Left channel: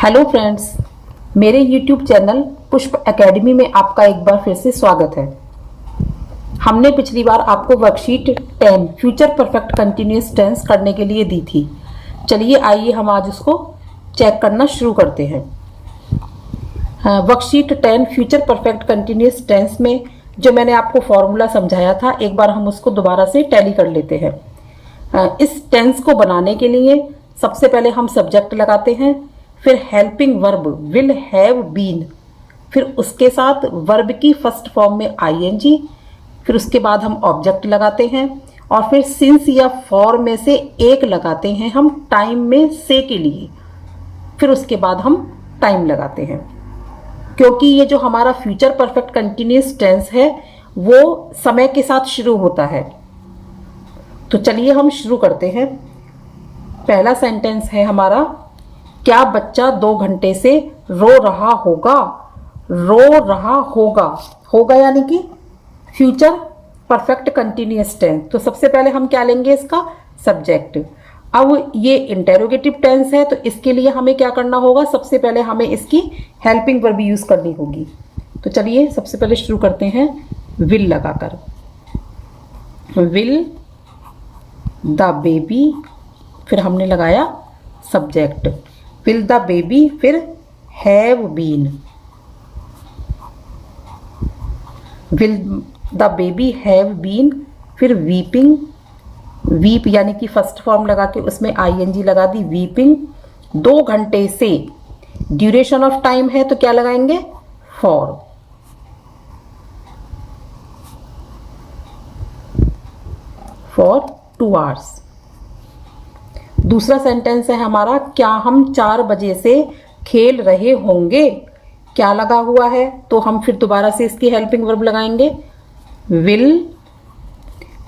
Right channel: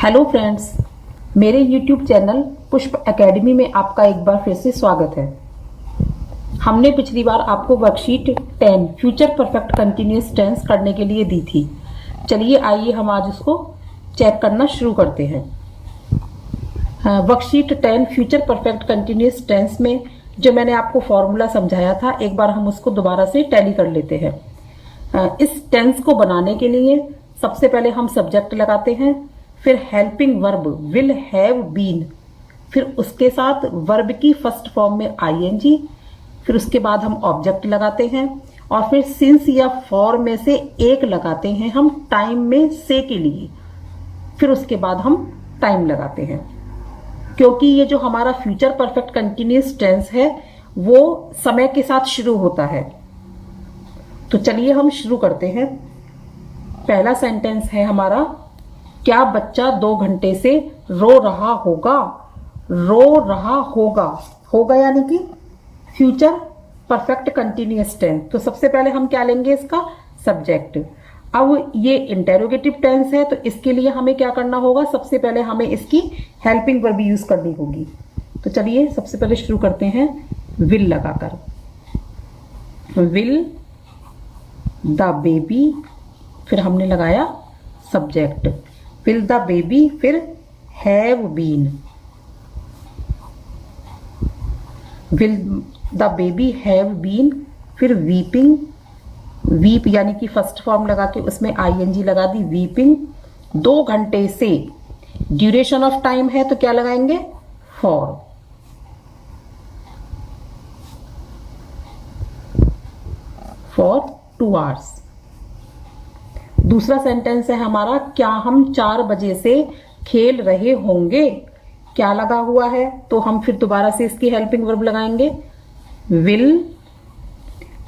Hello friends, मेरे YouTube channel पुष्प academy में आपका एक बार फिर से स्वागत है। हमने पिछली बार आपको worksheet 10 future perfect continuous tense करने के लिए दी थी। चलिए आइए हम आज उसको चेक करना शुरू करते हैं। Worksheet 10 future perfect continuous tense में जो मैंने आपको फॉर्मूला समझाया था, एक बार हम उसको दोबारा से टैली कर लेते हैं। इस टेंस को बनाने के लिए सबसे पहले हम सब्जेक्ट लगाते हैं, फिर helping verb will have been, फिर उसके साथ वर्ब की फर्स्ट फॉर्म में आईएनजी, फिर उसके बाद हम ऑब्जेक्ट लगाते हैं और फिर सिंस या फॉर में से एक लगाते हैं हम टाइम में से के लिए, फिर उसके बाद हम टाइम लगाते हैं। क्योंकि ये जो हमारा फ्यूचर परफेक्ट कंटिन्यूअस टेंस है वो समय के साथ शुरू होता है। तो चलिए हम शुरू करते हैं। पहला सेंटेंस है हमारा, क्या बच्चा 2 घंटे से रो रहा होगा। रो रहा होगा, होगा यानी कि फ्यूचर परफेक्ट कंटिन्यूअस टेंस। तो सबसे पहले हम क्या लेंगे, इसका सब्जेक्ट। अब ये इंटेरोगेटिव टेंस है तो इसके लिए हमें क्या करना होगा, सबसे पहले हमें इसकी हेल्पिंग वर्ब यूज करनी होगी। तो चलिए सबसे पहले शुरू करते हैं विल लगाकर। विल द बेबी, फिर हमने लगाया सब्जेक्ट विल द बेबी, फिर have been. Will the baby have been, फिर वीपिंग, वीप यानी कि फर्स्ट फॉर्म लगा के उसमें आईएनजी लगा दी, वीपिंग। 2 घंटे से, ड्यूरेशन ऑफ टाइम है तो क्या लगाएंगे, फॉर फॉर 2 आवर्स। दूसरा सेंटेंस है हमारा, क्या हम 4 बजे से खेल रहे होंगे। क्या लगा हुआ है तो हम फिर दोबारा से इसकी हेल्पिंग वर्ब लगाएंगे विल,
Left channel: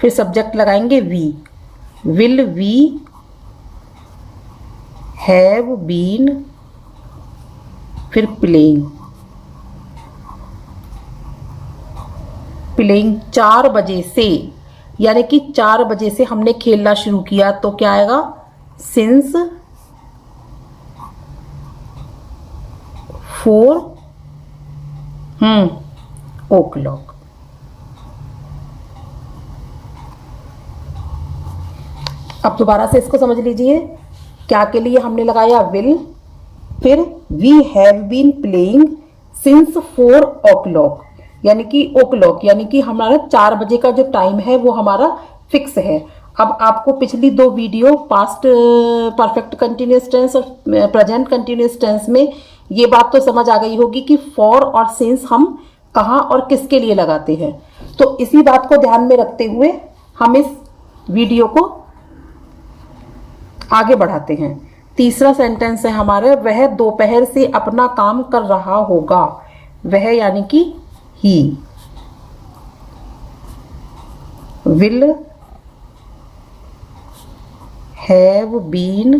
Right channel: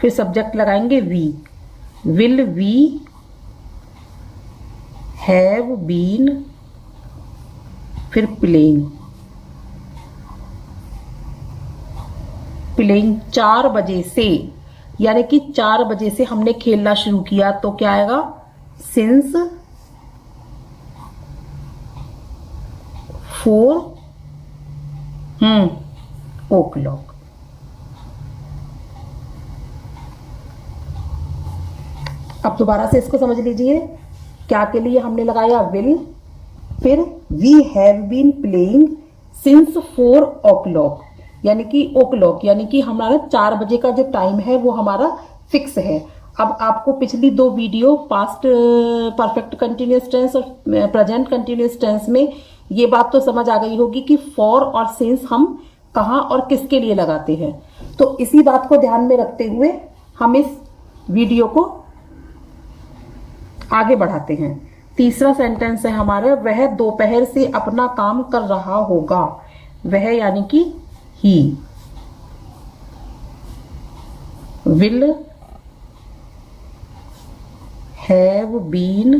फिर सब्जेक्ट लगाएंगे we. Will we have been, फिर प्लेइंग। प्लेइंग 4 बजे से, यानी कि 4 बजे से हमने खेलना शुरू किया तो क्या आएगा, सिंस 4 o'clock। अब दोबारा से इसको समझ लीजिए। क्या के लिए हमने लगाया विल, फिर we have been playing since 4 o'clock, यानी कि o'clock यानी कि हमारा 4 बजे का जो टाइम है वो हमारा फिक्स है। अब आपको पिछली 2 video past perfect continuous tense और प्रेजेंट कंटिन्यूअस टेंस में ये बात तो समझ आ गई होगी कि फॉर और सिंस हम कहाँ और किसके लिए लगाते हैं। तो इसी बात को ध्यान में रखते हुए हम इस वीडियो को आगे बढ़ाते हैं। तीसरा सेंटेंस है हमारा, वह दोपहर से अपना काम कर रहा होगा। वह यानी कि ही। Will have been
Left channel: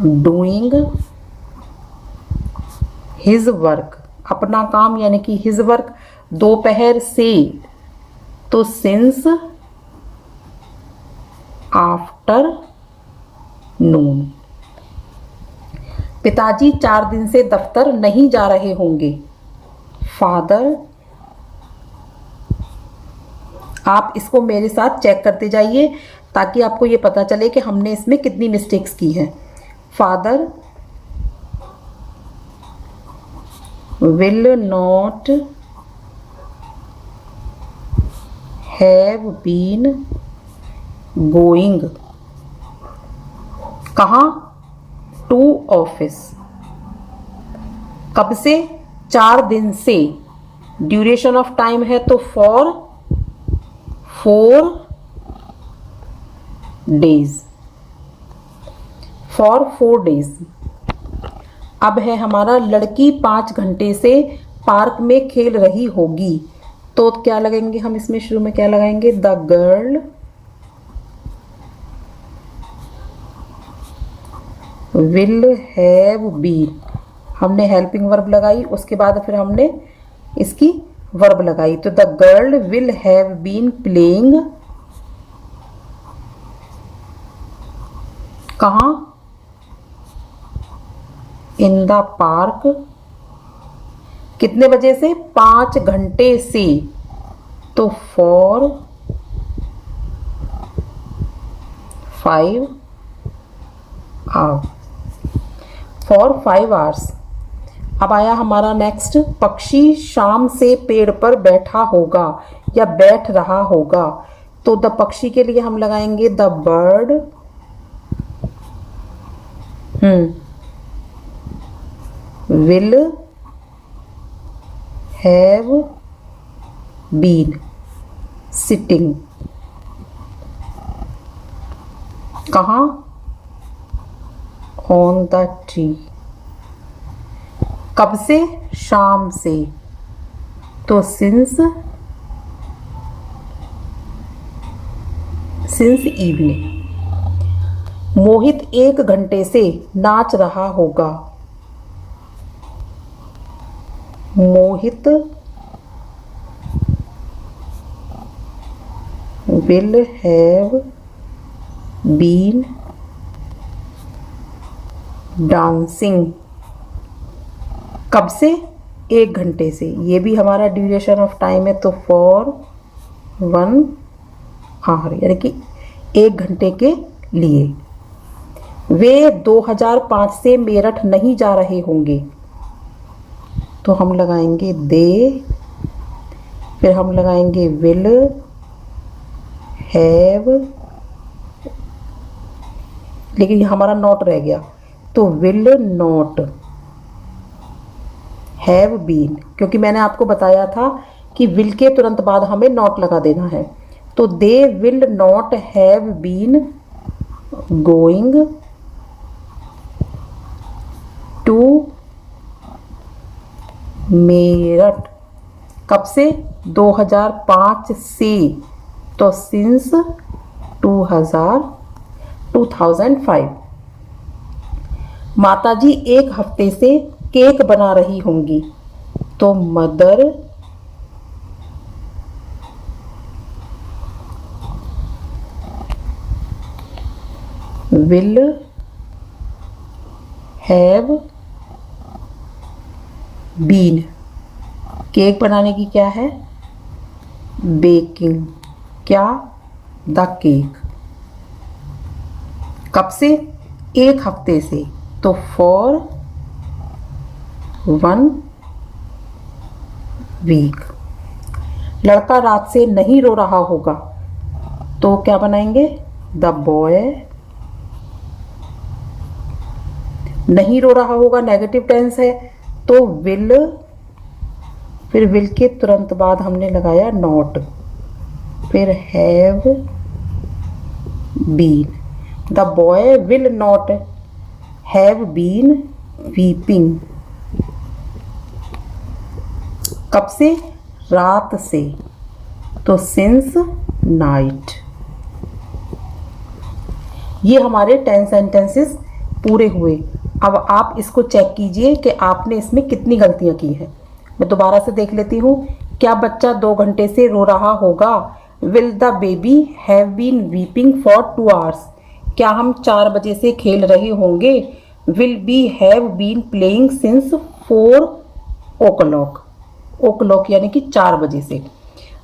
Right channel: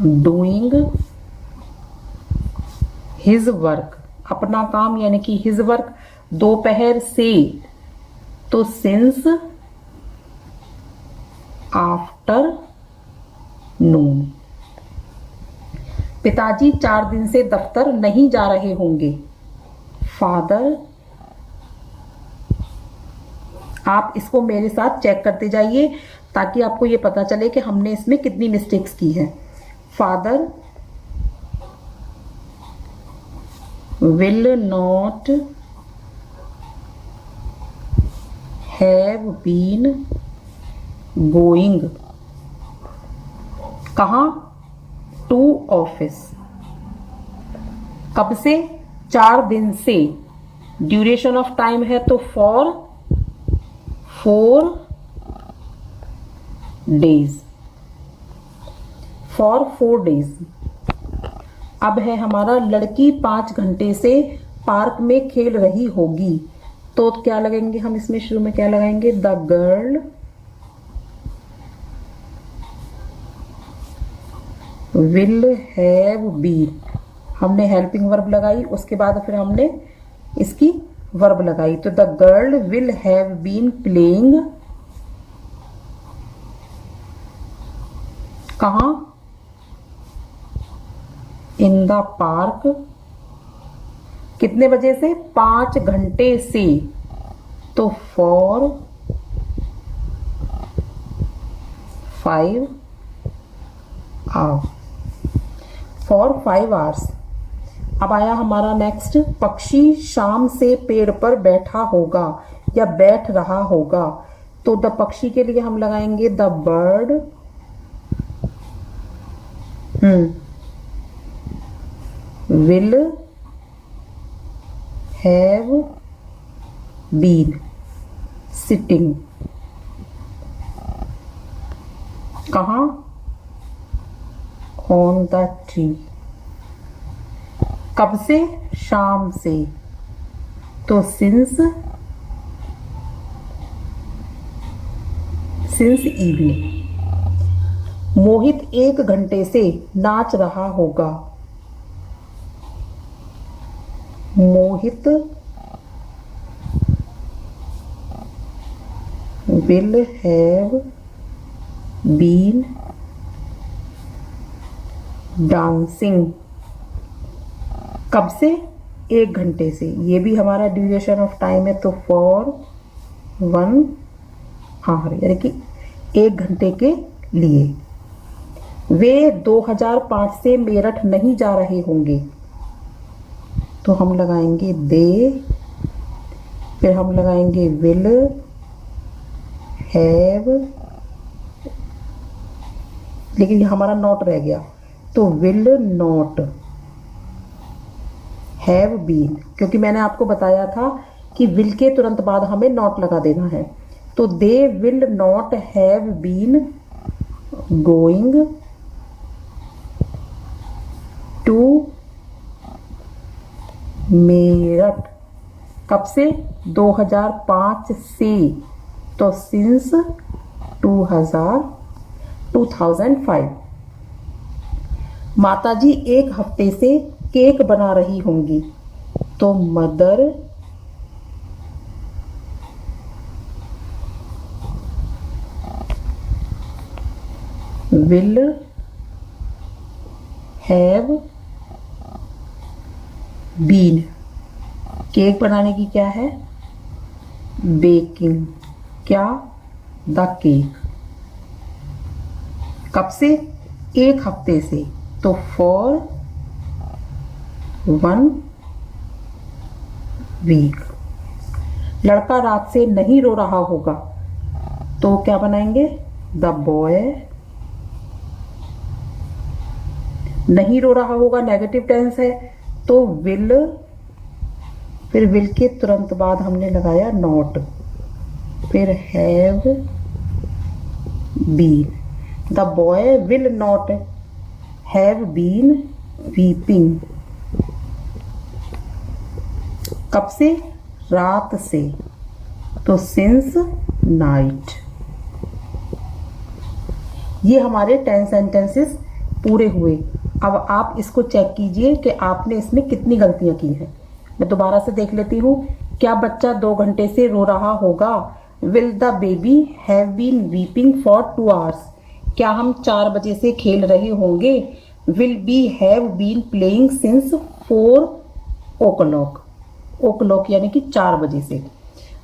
doing his work. अपना काम यानी कि हिज वर्क। दोपहर से तो सिंस आफ्टर नून। पिताजी 4 दिन से दफ्तर नहीं जा रहे होंगे। फादर। आप इसको मेरे साथ चेक करते जाइए ताकि आपको ये पता चले कि हमने इसमें कितनी मिस्टेक्स की हैं। Father will not have been going. कहाँ, टू ऑफिस। कब से, 4 दिन से। ड्यूरेशन ऑफ टाइम है तो फॉर 4 days, फॉर 4 days। अब है हमारा, लड़की 5 घंटे से पार्क में खेल रही होगी। तो क्या लगेंगे हम इसमें, शुरू में क्या लगाएंगे, the girl will have been. हमने हेल्पिंग वर्ब लगाई, उसके बाद फिर हमने इसकी वर्ब लगाई। तो the girl will have been playing, कहाँ, इन द पार्क, कितने बजे से? 5 घंटे से, तो फॉर 5 आवर्स, फॉर 5 आवर्स। अब आया हमारा नेक्स्ट, पक्षी शाम से पेड़ पर बैठा होगा या बैठ रहा होगा, तो द पक्षी के लिए हम लगाएंगे the bird will have been sitting, कहाँ? On the tree. कब से? शाम से, तो सिंस इवनिंग। मोहित 1 घंटे से नाच रहा होगा, मोहित will have been dancing, कब से? 1 घंटे से, ये भी हमारा ड्यूरेशन ऑफ टाइम है, तो फॉर 1 आवर, यानी कि 1 घंटे के लिए। वे 2005 से मेरठ नहीं जा रहे होंगे, तो हम लगाएंगे दे, फिर हम लगाएंगे विल हैव, लेकिन हमारा नॉट रह गया, तो विल नॉट हैव बीन, क्योंकि मैंने आपको बताया था कि विल के तुरंत बाद हमें नॉट लगा देना है, तो they will not have been going to Meerut, कब से? 2005 से, तो सिंस 2005। माताजी 1 हफ्ते से केक बना रही होंगी, तो mother will have been, cake बनाने की क्या है? बेकिंग, क्या? The cake. कब से? 1 हफ्ते से, तो फॉर 1 वीक। लड़का रात से नहीं रो रहा होगा, तो क्या बनाएंगे? द बॉय नहीं रो रहा होगा, नेगेटिव टेंस है, तो विल, फिर विल के तुरंत बाद हमने लगाया नॉट, फिर have been. The boy will not have been weeping, कब से? रात से, तो सिंस नाइट। ये हमारे 10 सेंटेंसेस पूरे हुए। अब आप इसको चेक कीजिए कि आपने इसमें कितनी गलतियां की हैं। मैं दोबारा से देख लेती हूँ। क्या बच्चा 2 घंटे से रो रहा होगा? Will the baby have been weeping for 2 hours? क्या हम 4 बजे से खेल रहे होंगे? Will be have been playing since 4 o'clock, o'clock यानी कि 4 बजे से।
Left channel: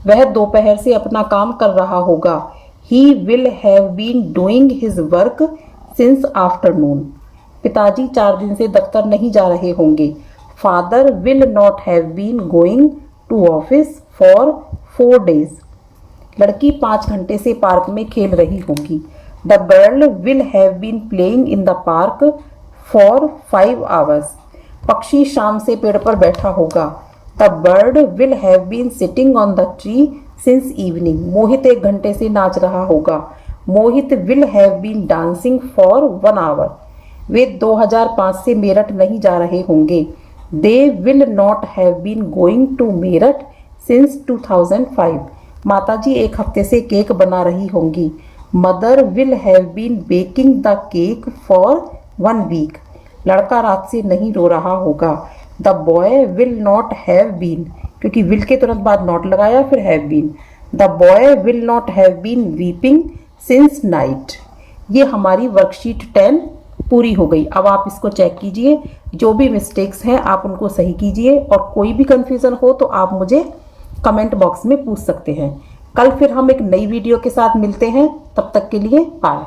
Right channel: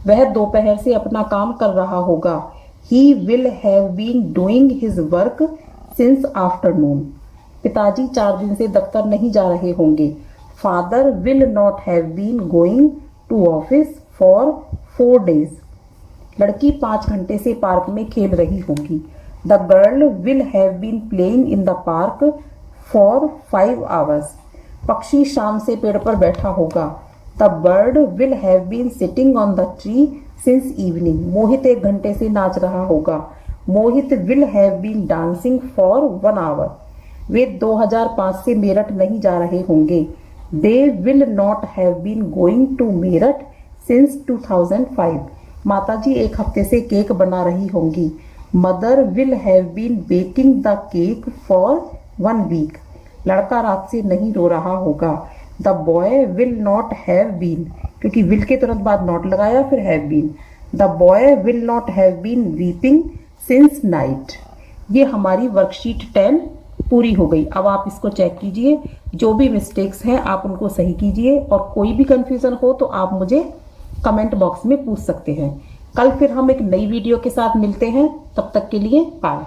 वह दोपहर से अपना काम कर रहा होगा। He will have been doing his work since afternoon. पिताजी 4 दिन से दफ्तर नहीं जा रहे होंगे। Father will not have been going to office for 4 days। लड़की 5 घंटे से पार्क में खेल रही होगी। The girl will have been playing in the park for 5 hours। पक्षी शाम से पेड़ पर बैठा होगा। The bird will have been sitting on the tree since evening. Mohit 1 घंटे से नाच रहा होगा। Mohit will have been dancing for 1 hour। वे 2005 से मेरठ नहीं जा रहे होंगे। They will not have been going to Meerut since 2005। माताजी 1 हफ्ते से केक बना रही होंगी। Mother will have been baking the cake for 1 week। लड़का रात से नहीं रो रहा होगा। The boy will not have been, क्योंकि विल के तुरंत बाद नॉट लगाया फिर have been. The boy will not have been weeping since night. ये हमारी वर्कशीट 10 पूरी हो गई। अब आप इसको चेक कीजिए, जो भी मिस्टेक्स हैं आप उनको सही कीजिए, और कोई भी कंफ्यूजन हो तो आप मुझे कमेंट बॉक्स में पूछ सकते हैं। कल फिर हम एक नई वीडियो के साथ मिलते हैं, तब तक के लिए बाय।